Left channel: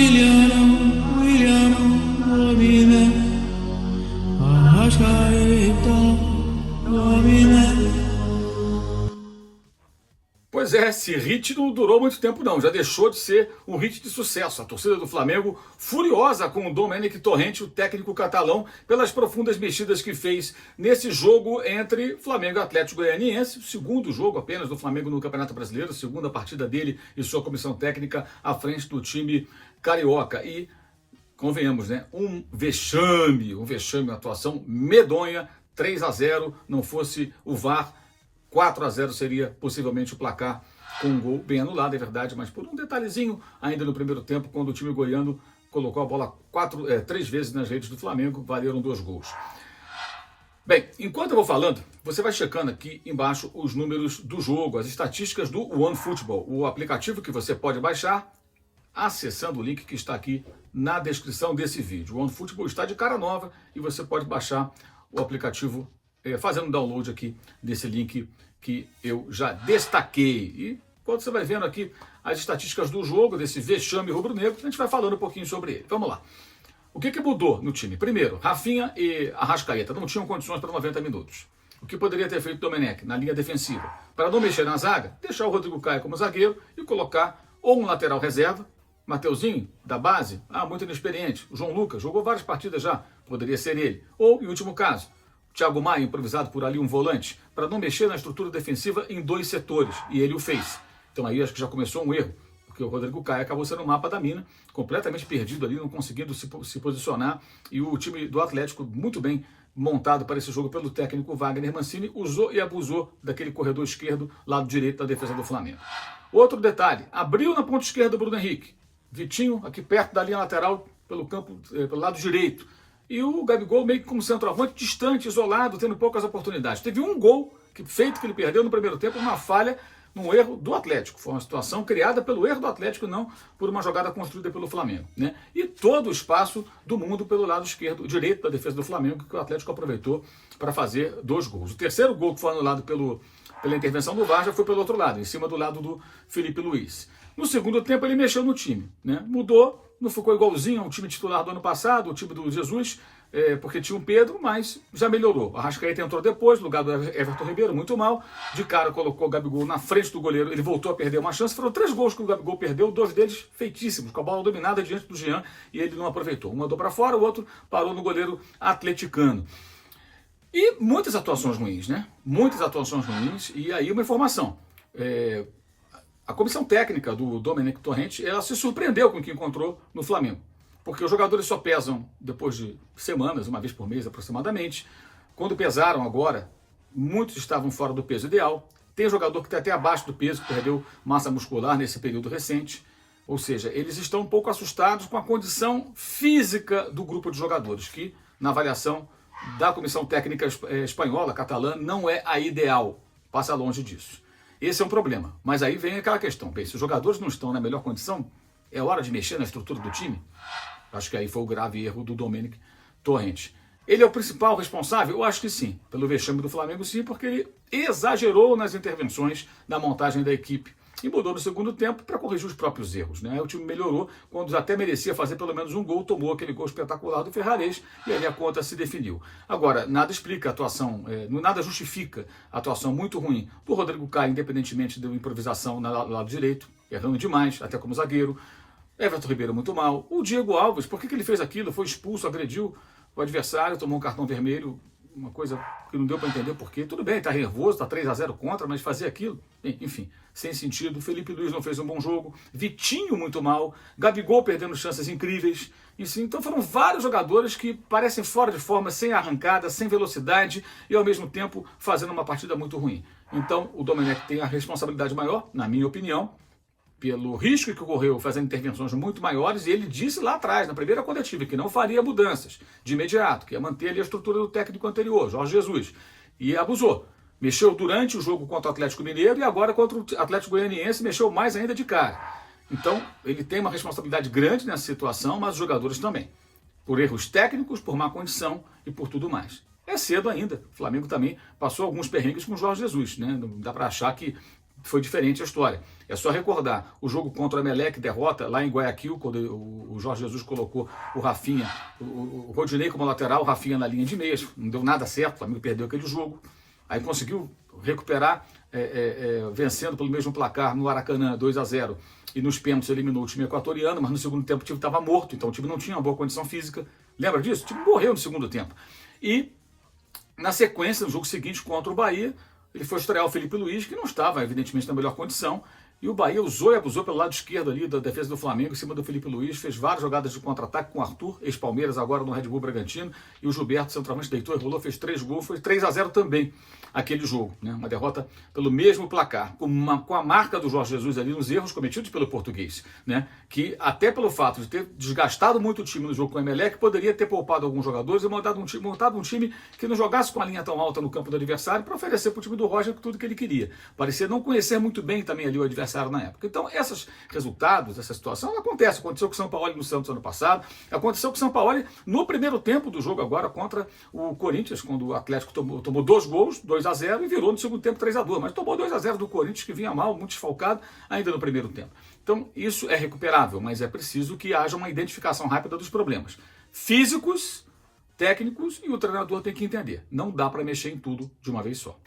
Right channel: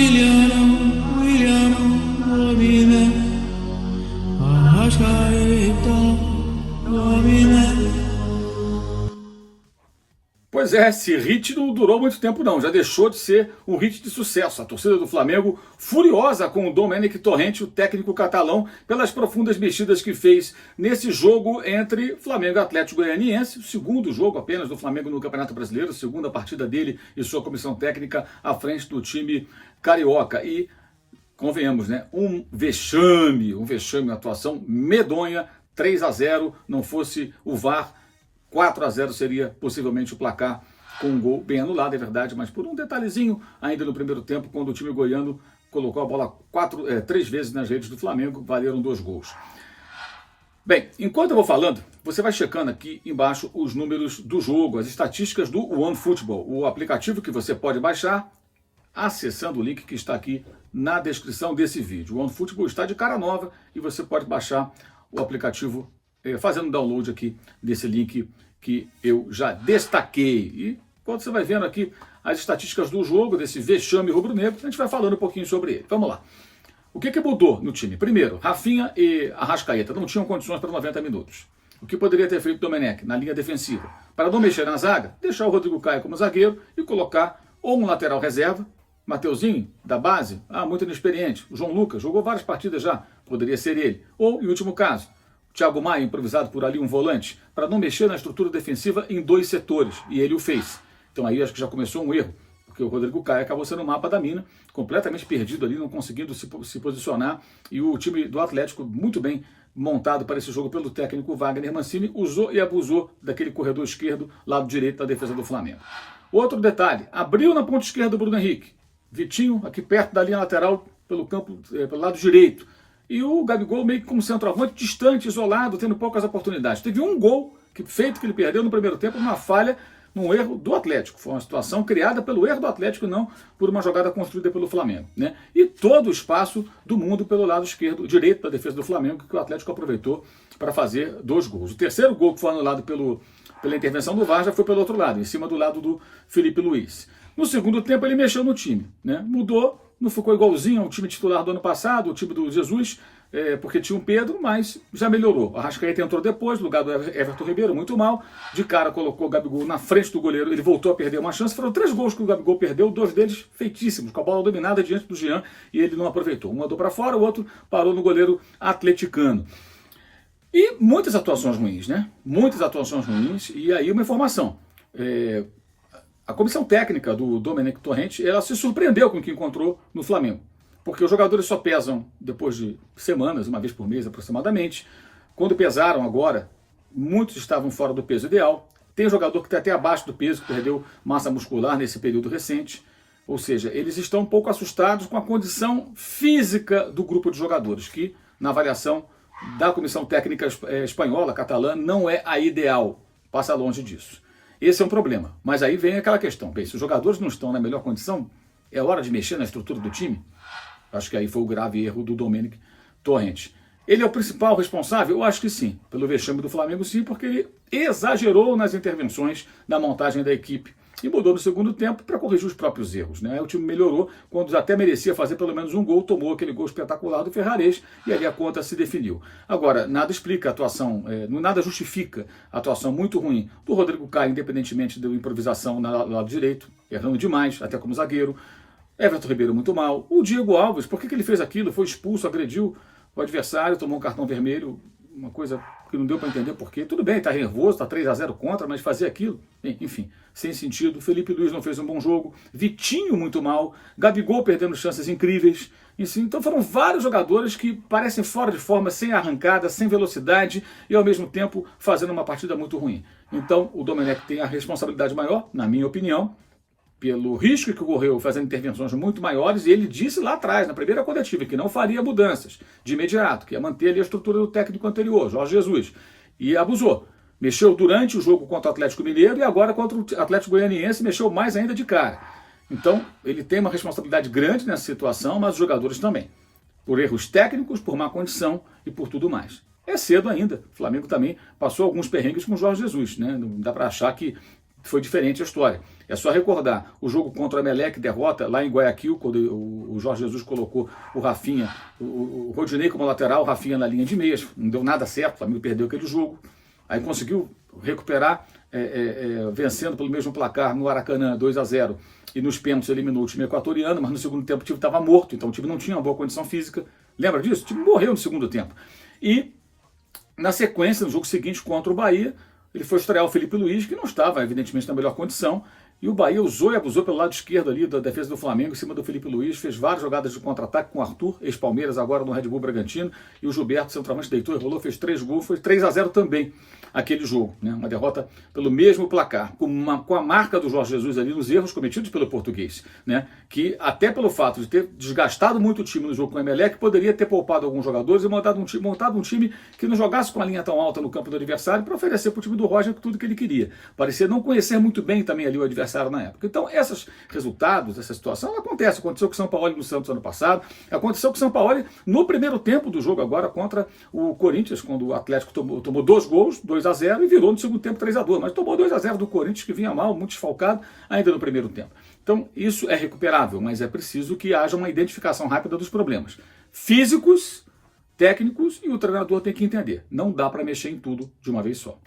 William, domina, Arrascaeta, domina. Pois é, esse hit não durou muito tempo não, já deixou de ser um hit de sucesso. A torcida do Flamengo furiosa com o Domènec Torrent, o técnico catalão, pelas profundas mexidas que fez nesse jogo entre Flamengo e Atlético Goianiense, o segundo jogo apenas do Flamengo no Campeonato Brasileiro, segunda partida dele e sua comissão técnica à frente do time carioca. E, convenhamos, né, um vexame, uma atuação medonha, 3-0, não fosse o VAR, 4-0 seria possivelmente o placar, com um gol bem anulado, é verdade, mas por um detalhezinho ainda no primeiro tempo, quando o time goiano colocou a bola 3 vezes nas redes do Flamengo, valeram 2 gols. Bem, enquanto eu vou falando, você vai checando aqui embaixo os números do jogo, as estatísticas do OneFootball, o aplicativo que você pode baixar acessando o link que está aqui na descrição desse vídeo. O OneFootball está de cara nova e você pode baixar o aplicativo fazendo download aqui desse link que eu já destaquei. E quando você vai vendo aqui as estatísticas do jogo, desse vexame rubro-negro, a gente vai falando um pouquinho sobre ele. Vamos lá. O que mudou no time? Primeiro, Rafinha e Arrascaeta não tinham condições para 90 minutos. O que poderia ter feito Domènec na linha defensiva? Para não mexer na zaga, deixar o Rodrigo Caio como zagueiro e colocar ou um lateral reserva, Mateuzinho, da base, muito inexperiente. O João Lucas jogou várias partidas já, poderia ser ele. Ou, em último caso, Thiago Maia, improvisado por ali, um volante, para não mexer na estrutura defensiva em 2 setores, e ele o fez. Então aí acho que já começou um erro, porque o Rodrigo Caio acabou sendo um mapa da mina, completamente perdido ali, não conseguindo se posicionar, e o time do Atlético, muito bem montado para esse jogo pelo técnico Wagner Mancini, usou e abusou daquele corredor esquerdo, lado direito da defesa do Flamengo. Outro detalhe, abriu na ponta esquerda o Bruno Henrique, Vitinho aqui perto da linha lateral, pelo campo, pelo lado direito, e o Gabigol meio que como centroavante, distante, isolado, tendo poucas oportunidades. Teve um gol feito que ele perdeu no primeiro tempo, uma falha, num erro do Atlético. Foi uma situação criada pelo erro do Atlético, não por uma jogada construída pelo Flamengo, né? E todo o espaço do mundo pelo lado esquerdo, direito da defesa do Flamengo, que o Atlético aproveitou para fazer 2 gols. O terceiro gol que foi anulado pela intervenção do VAR já foi pelo outro lado, em cima do lado do Felipe Luiz. No segundo tempo ele mexeu no time, né? Mudou, não ficou igualzinho ao time titular do ano passado, o time do Jesus, porque tinha um Pedro, mas já melhorou. A Arrascaeta entrou depois, no lugar do Everton Ribeiro, muito mal. De cara colocou o Gabigol na frente do goleiro, ele voltou a perder uma chance. Foram 3 gols que o Gabigol perdeu, 2 deles feitíssimos, com a bola dominada diante do Jean, e ele não aproveitou. Um mandou para fora, o outro parou no goleiro atleticano. E muitas atuações ruins, né? Muitas atuações ruins, e aí uma informação. A comissão técnica do Domènec Torrent, ela se surpreendeu com o que encontrou no Flamengo. Porque os jogadores só pesam depois de semanas, uma vez por mês aproximadamente. Quando pesaram agora, muitos estavam fora do peso ideal. Tem jogador que está até abaixo do peso, que perdeu massa muscular nesse período recente. Ou seja, eles estão um pouco assustados com a condição física do grupo de jogadores, que na avaliação da comissão técnica espanhola, catalã, não é a ideal. Passa longe disso. Esse é um problema. Mas aí vem aquela questão. Bem, se os jogadores não estão na melhor condição, é hora de mexer na estrutura do time? Acho que aí foi o grave erro do Domènec Torrent. Ele é o principal responsável? Eu acho que sim. Pelo vexame do Flamengo, sim, porque ele exagerou nas intervenções na montagem da equipe e mudou no segundo tempo para corrigir os próprios erros, né? O time melhorou, quando até merecia fazer pelo menos um gol, tomou aquele gol espetacular do Ferrarese e aí a conta se definiu. Agora, nada explica a atuação, nada justifica a atuação muito ruim do Rodrigo Caio, independentemente da improvisação no lado direito, errando demais, até como zagueiro. Everton Ribeiro muito mal. O Diego Alves, por que ele fez aquilo? Foi expulso, agrediu o adversário, tomou um cartão vermelho, uma coisa que não deu para entender por quê. Tudo bem, está nervoso, está 3-0 contra, mas fazer aquilo, enfim, sem sentido. Felipe Luiz não fez um bom jogo, Vitinho muito mal, Gabigol perdendo chances incríveis. Então foram vários jogadores que parecem fora de forma, sem arrancada, sem velocidade e ao mesmo tempo fazendo uma partida muito ruim. Então o Domènec tem a responsabilidade maior, na minha opinião, pelo risco que ocorreu fazendo intervenções muito maiores, e ele disse lá atrás, na primeira coletiva, que não faria mudanças de imediato, que ia manter ali a estrutura do técnico anterior, Jorge Jesus, e abusou. Mexeu durante o jogo contra o Atlético Mineiro e agora contra o Atlético Goianiense mexeu mais ainda de cara. Então, ele tem uma responsabilidade grande nessa situação, mas os jogadores também. Por erros técnicos, por má condição e por tudo mais. É cedo ainda. O Flamengo também passou alguns perrengues com o Jorge Jesus, né? Não dá para achar que foi diferente a história. É só recordar o jogo contra o Emelec, derrota lá em Guayaquil, quando o Jorge Jesus colocou o Rafinha, o Rodinei como lateral, o Rafinha na linha de meias, não deu nada certo, o Flamengo perdeu aquele jogo, aí conseguiu recuperar, vencendo pelo mesmo placar no Aracanã, 2-0, e nos pênaltis eliminou o time equatoriano, mas no segundo tempo o time estava morto, então o time não tinha uma boa condição física. Lembra disso? O time morreu no segundo tempo. E na sequência, no jogo seguinte contra o Bahia, ele foi estrear o Felipe Luiz, que não estava, evidentemente, na melhor condição, e o Bahia usou e abusou pelo lado esquerdo ali da defesa do Flamengo, em cima do Felipe Luiz, fez várias jogadas de contra-ataque com o Arthur, ex-Palmeiras, agora no Red Bull Bragantino, e o Gilberto, centroavante, deitou e rolou, fez 3 gols, foi 3-0 também aquele jogo, né? Uma derrota pelo mesmo placar, com a marca do Jorge Jesus ali nos erros cometidos pelo português, né? Que até pelo fato de ter desgastado muito o time no jogo com o Emelec, poderia ter poupado alguns jogadores e montado um time que não jogasse com a linha tão alta no campo do adversário para oferecer para o time do Roger tudo que ele queria. Parecia não conhecer muito bem também ali o adversário na época. Então, esses resultados, essa situação, acontece. Aconteceu com o São Paulo no Santos ano passado, aconteceu com o São Paulo no primeiro tempo do jogo agora contra o Corinthians, quando o Atlético tomou 2 gols, 2-0, e virou no segundo tempo 3-2, mas tomou 2-0 do Corinthians, que vinha mal, muito desfalcado, ainda no primeiro tempo. Então, isso é recuperável, mas é preciso que haja uma identificação rápida dos problemas físicos, técnicos, e o treinador tem que entender. Não dá para mexer em tudo de uma vez só.